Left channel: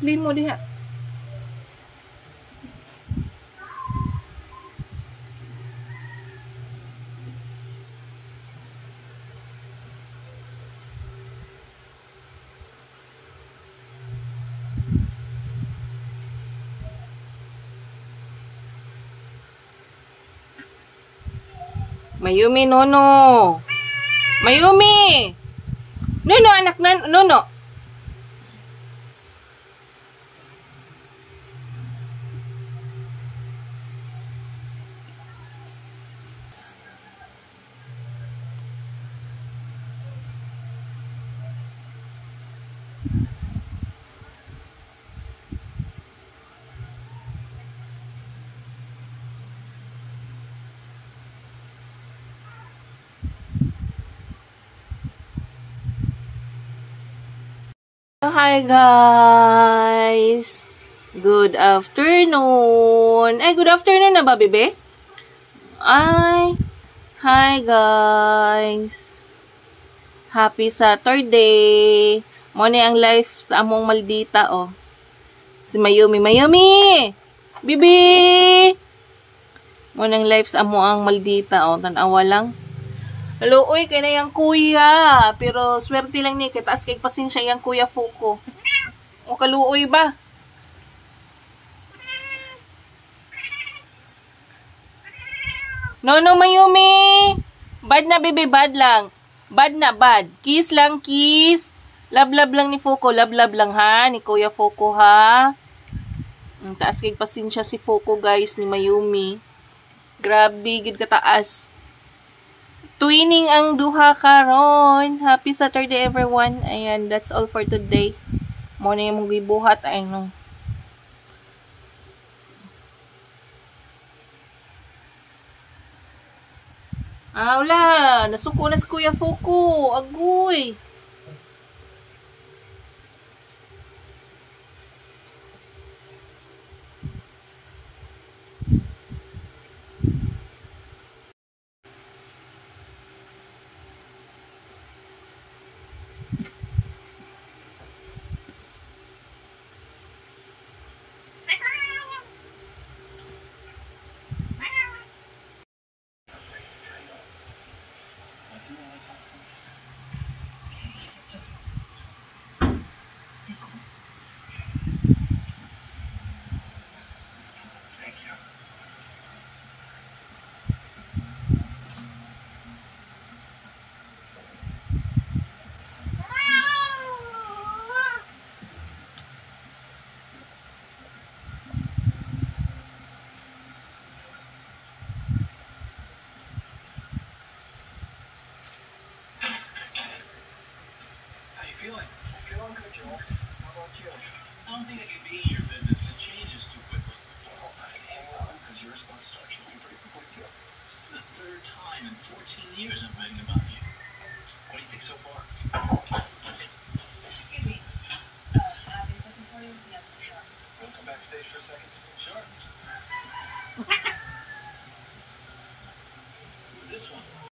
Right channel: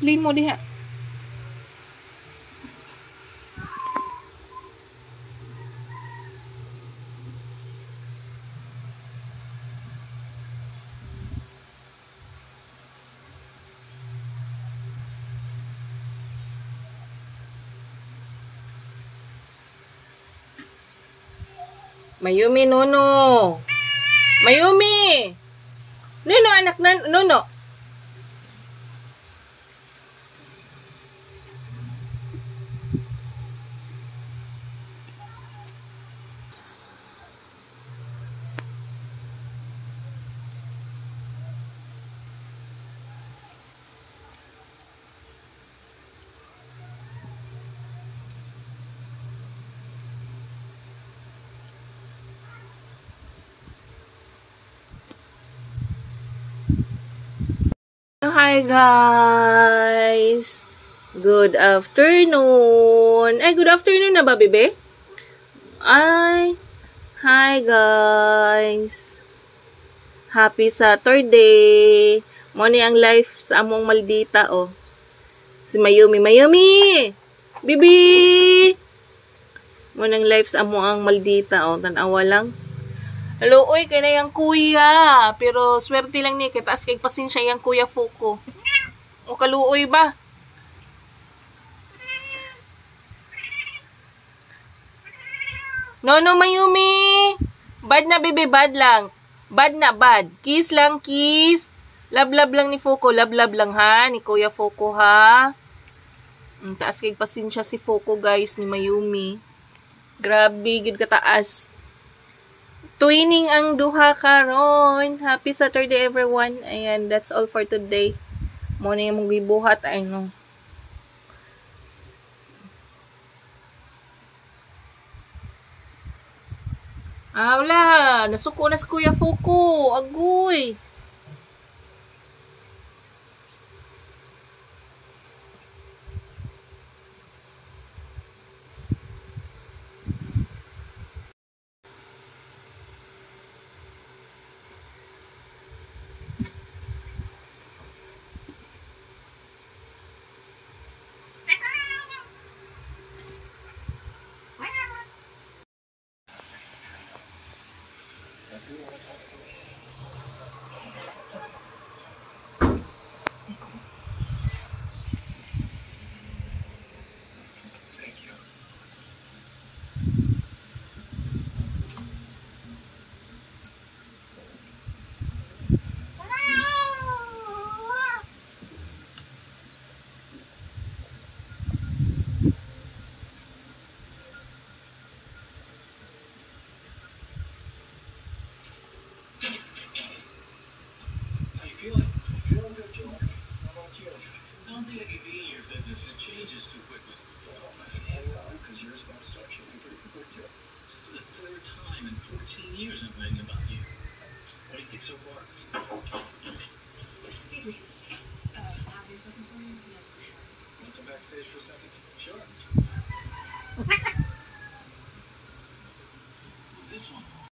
Play mo diha. Mayumi, Nono. Mayumi! Nono, anak na, Nono. Hi guys! Good afternoon! Ay, good afternoon na ba, bebe? Ay, hi guys! Happy Saturday! Mo ni ang life sa among maldita, oh. Si Mayumi, Mayumi! Bibi! Mo nang life sa among maldita, oh. Tanawa lang. Hello, uy, kaya na yung kuya. Pero swerte lang ni, kitaas kay pasensya yung kuya Fuko. O kaluoy ba? No, Mayumi. Bad na, baby, bad lang. Bad na, bad. Kiss lang, kiss. Love lang ni Fuko. Love lang, ha? Ni kuya Fuko, ha? Taas kay pasensya si Fuko, guys, ni Mayumi. Grabe, gid kataas. Twinning ang duha karon. Happy Saturday everyone. Ayan, that's all for today. Mo na yung gibuhat ay no. Wala, nasuko na si Kuya Fuko. Agoy. Feeling good, Joel. How about you?